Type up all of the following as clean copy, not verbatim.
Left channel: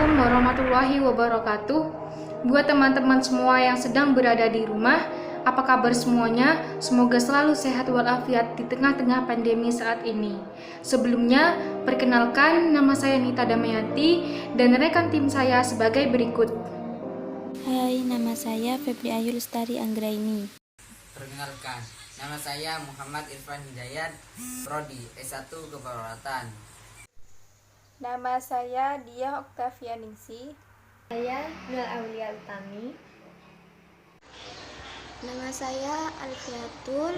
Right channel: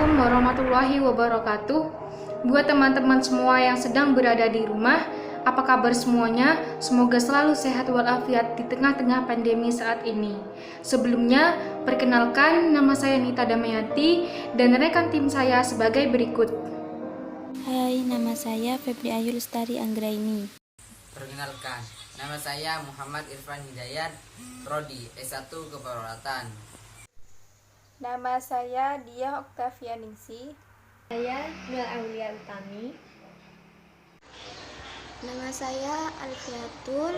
Assalamualaikum warahmatullahi wabarakatuh. Buat teman-teman semua yang sedang berada di rumah, apa kabar semuanya? Semoga selalu sehat walafiat di tengah-tengah pandemi saat ini. Sebelumnya, perkenalkan nama saya Nita Damayanti dan rekan tim saya sebagai berikut. Hai, nama saya Febri Ayu Lestari Anggraini. Perkenalkan, nama saya Muhammad Irfan Hidayat, Prodi S1 Keperawatan. Nama saya Diah Oktavianingsi. Saya Nur Aulia Utami. Nama saya Alfiatul.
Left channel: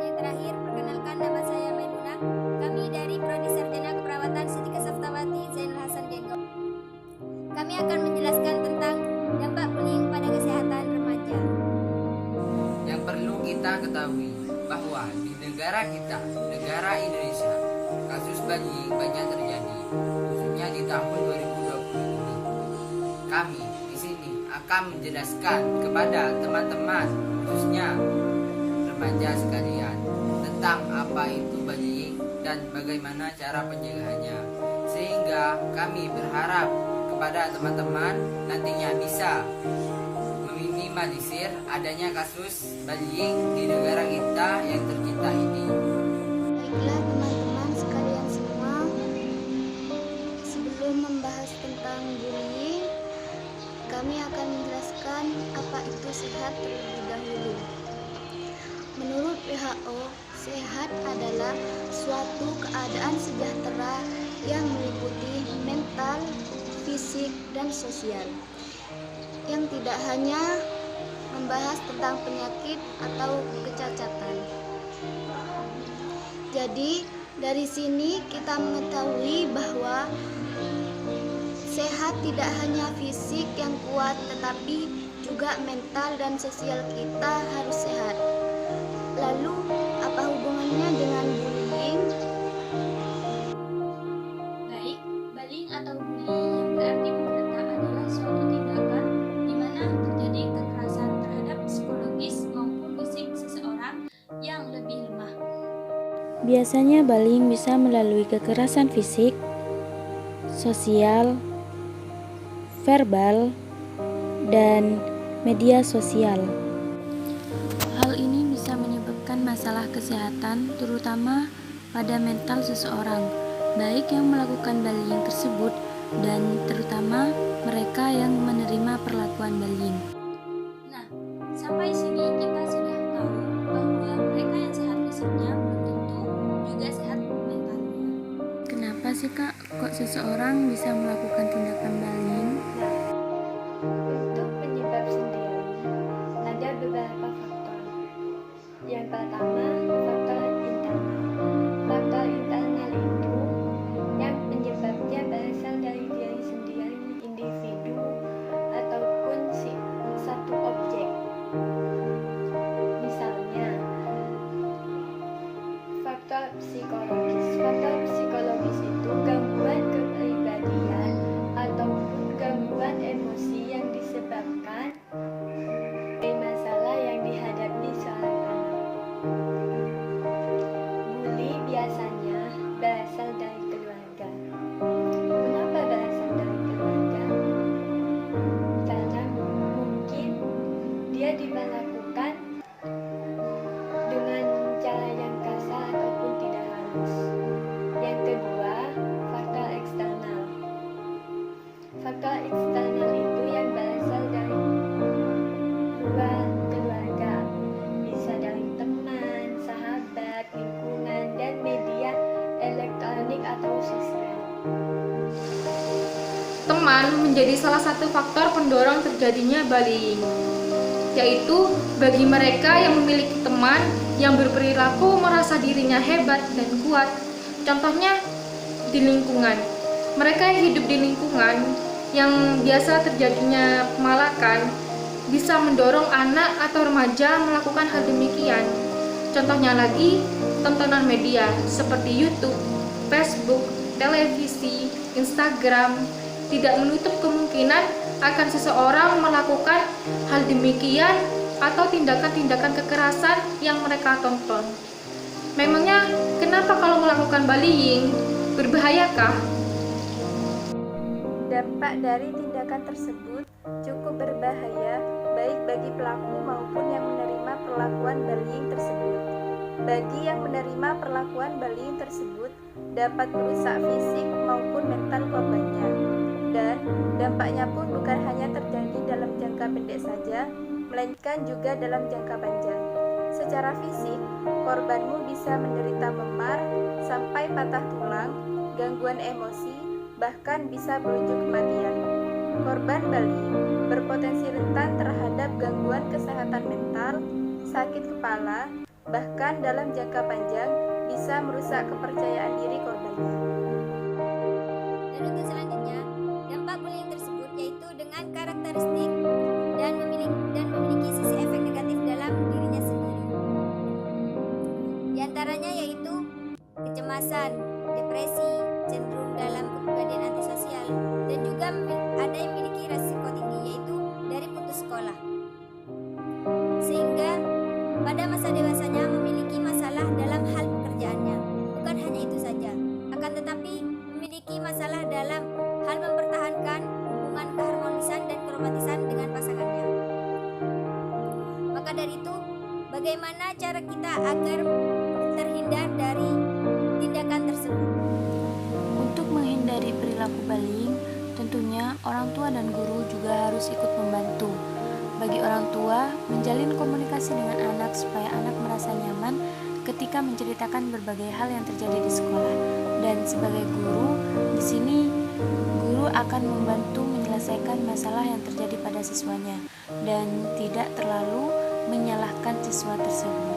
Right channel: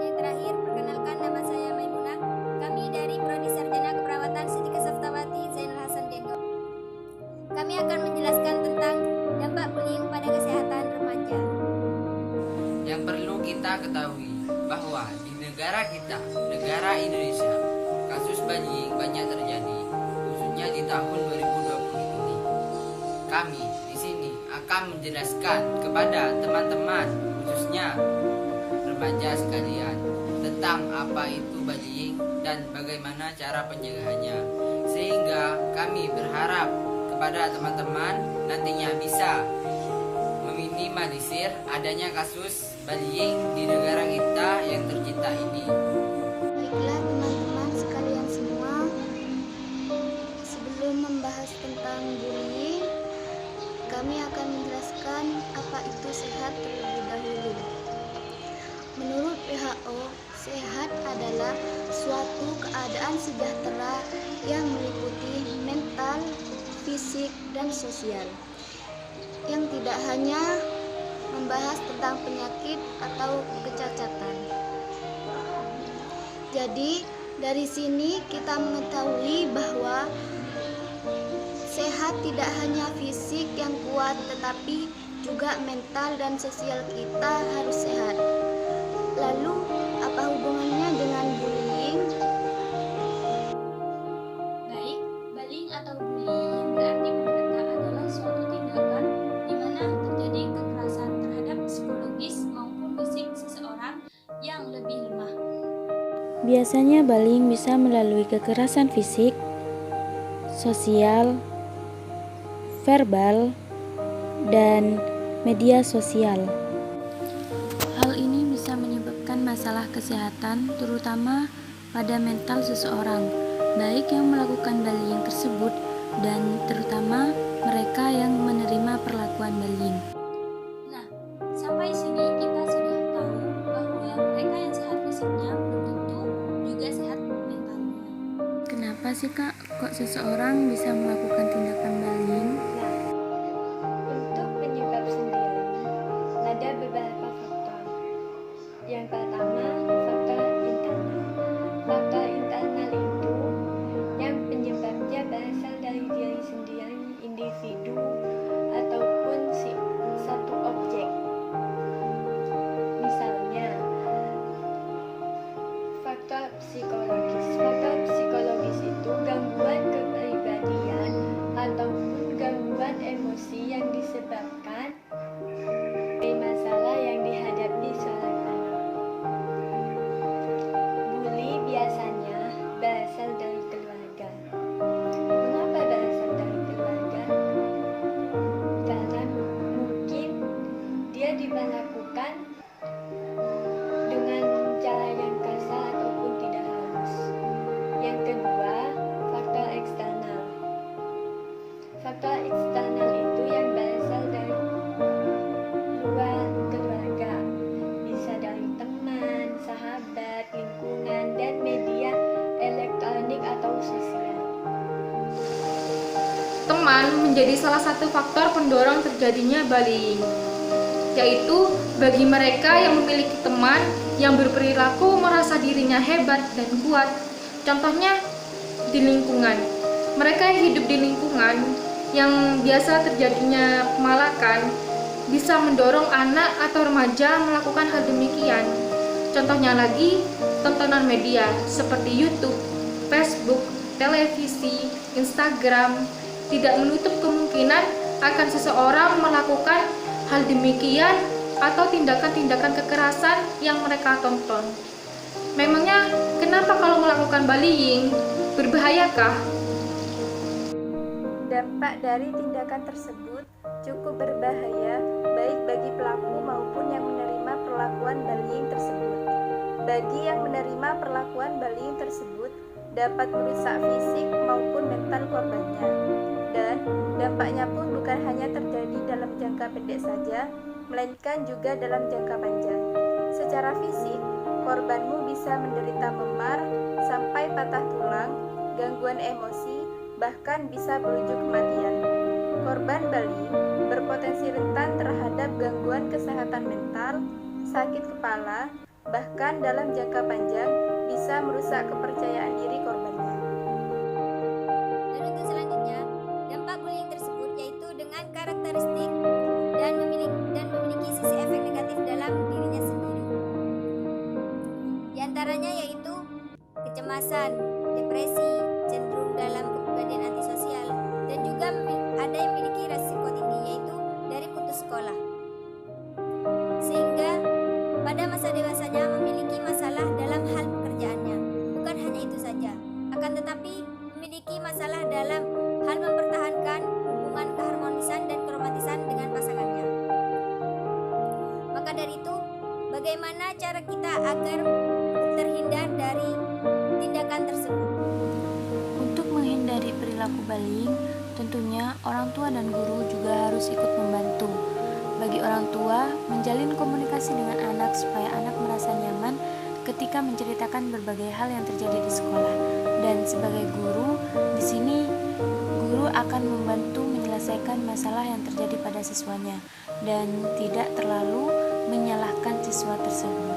Yang terakhir, perkenalkan nama saya Maimunah. Kami dari Prodi Sarjana Keperawatan Siti Kesaftawati Zainul Hasan Genggong. Kami akan menjelaskan tentang dampak bullying pada kesehatan remaja. Yang perlu kita ketahui bahwa di negara kita, negara Indonesia, kasus bullying banyak terjadi, khususnya di tahun 2020 ini. Kami di sini akan menjelaskan kepada teman-teman, khususnya remaja sekalian, tentang apa itu bullying dan bagaimana cara pencegahannya. Sehingga kami berharap kepada teman-teman nantinya bisa meminimalisir adanya kasus bullying di negara kita yang tercinta ini. Baiklah teman-teman sekalian semua, sebelum membahas tentang bullying, kami akan menjelaskan apa itu sehat terlebih dahulu. Menurut WHO, sehat adalah suatu keadaan sejahtera yang meliputi mental, fisik, dan sosial, yang tidak hanya membahas tentang penyakit atau kecacatan. Jadi, dari sini kita mengetahui bahwa sehat tidak hanya fisik yang kuat, tetapi juga mental dan sosial kita harus sehat. Lalu, apa hubungannya dengan bullying? Baik, bullying atau bully yang berarti menggeletak adalah suatu tindakan di mana terjadi kekerasan terhadap psikologis maupun fisik seseorang yang lebih lemah. Biasanya bullying bisa melalui kekerasan fisik, sosial, verbal, dan media sosial. Hal ini bisa menyebabkan masalah kesehatan, terutama pada mental seseorang, baik yang melakukan bullying tersebut dan terutama mereka yang menerima perlakuan bullying. Nah, sampai sini kita sudah tahu bahwa mereka yang sehat fisiknya belum tentu juga sehat mentalnya. Kenapa sih Kak, kok seseorang bisa melakukan tindakan bullying? Untuk penyebab sendiri, ada beberapa faktor. Yang pertama, faktor internal. Faktor internal itu yang penyebabnya berasal dari diri sendiri, individu, ataupun satu objek. Misalnya, faktor psikologis. Faktor psikologis itu gangguan kepribadian ataupun gangguan emosi yang disebabkan dari masalah yang dihadapi seorang anak. Bully biasanya berasal dari keluarga. Kenapa berasal dari keluarga? Karena mungkin dia diperlakukan dengan cara yang kasar ataupun tidak halus. Yang kedua, faktor eksternal. Faktor eksternal itu yang berasal dari luar keluarga, bisa dari teman, sahabat, lingkungan, dan media elektronik atau sosial. Teman menjadi salah satu faktor pendorong terjadinya bullying, yaitu bagi mereka yang memiliki teman yang berperilaku merasa dirinya hebat dan kuat. Contohnya di lingkungan. Mereka yang hidup di lingkungan yang biasa terjadinya pemalakan bisa mendorong anak atau remaja melakukan hal demikian. Contohnya lagi, tontonan media seperti YouTube, Facebook, televisi, Instagram tidak menutup kemungkinan akan seseorang melakukan hal demikian atau tindakan-tindakan kekerasan yang mereka tonton. Memangnya kenapa kalau melakukan bullying berbahayakah? Dampak dari tindakan tersebut cukup berbahaya baik bagi pelaku maupun yang menerima perlakuan bullying tersebut. Bagi yang menerima perlakuan bullying tersebut dapat merusak fisik maupun mental korbannya. Dan dampaknya pun bukan hanya terjadi dalam jangka pendek saja, melainkan juga dalam jangka panjang. Secara fisik, korbanmu bisa menderita memar sampai patah tulang, gangguan emosi, bahkan bisa berujung kematian. Korban bullying berpotensi rentan terhadap gangguan kesehatan mental, sakit kepala, bahkan dalam jangka panjang bisa merusak kepercayaan diri korbannya. Dan untuk selanjutnya, dampak bullying tersebut yaitu dengan karakteristik dan memiliki sisi efek negatif dalam dirinya sendiri. Di antaranya yaitu kecemasan, depresi, cenderung dalam kepribadian antisosial, dan juga ada yang memiliki resiko tinggi yaitu dari putus sekolah. Sehingga pada masa dewasanya memiliki masalah dalam hal pekerjaannya. Bukan hanya itu saja, akan tetapi memiliki masalah dalam hal mempertahankan hubungan keharmonisan dan keromantisan dengan pasangannya. Maka dari itu, bagaimana cara kita agar terhindar dari tindakan tersebut? Untuk menghindari perilaku bullying, tentunya orang tua dan guru juga harus ikut membantu. Bagi orang tua, menjalin komunikasi dengan anak supaya anak merasa nyaman ketika menceritakan berbagai hal yang terjadi di sekolah. Dan sebagai guru, di sini guru akan membantu menyelesaikan masalah yang terjadi pada siswanya dan tidak terlalu menyalahkan siswa tersebut.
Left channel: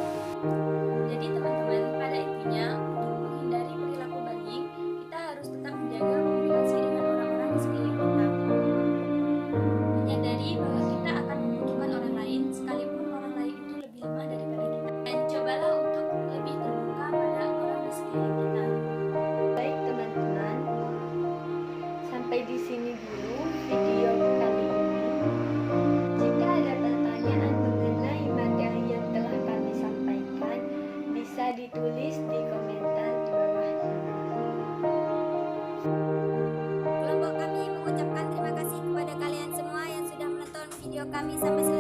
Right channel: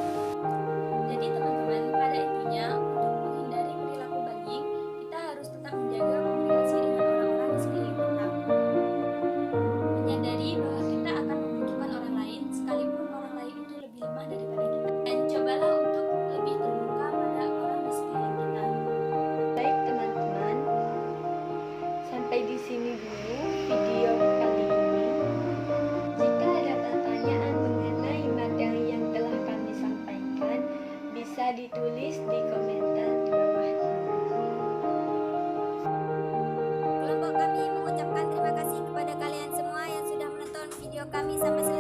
Jadi teman-teman, pada intinya untuk menghindari perilaku bullying, kita harus tetap menjaga komunikasi dengan orang-orang di sekeliling kita. Menyadari bahwa kita akan membutuhkan orang lain sekalipun orang lain itu lebih lemah daripada kita. Dan cobalah untuk lebih terbuka pada orang di sekeliling kita. Baik teman-teman, sampai di sini dulu video kali ini. Jika ada pertanyaan mengenai materi yang telah kami sampaikan, bisa ditulis di komentar di bawah ini. Kelompok kami mengucapkan terima kasih kepada kalian semua yang sudah menonton video kami sampai selesai.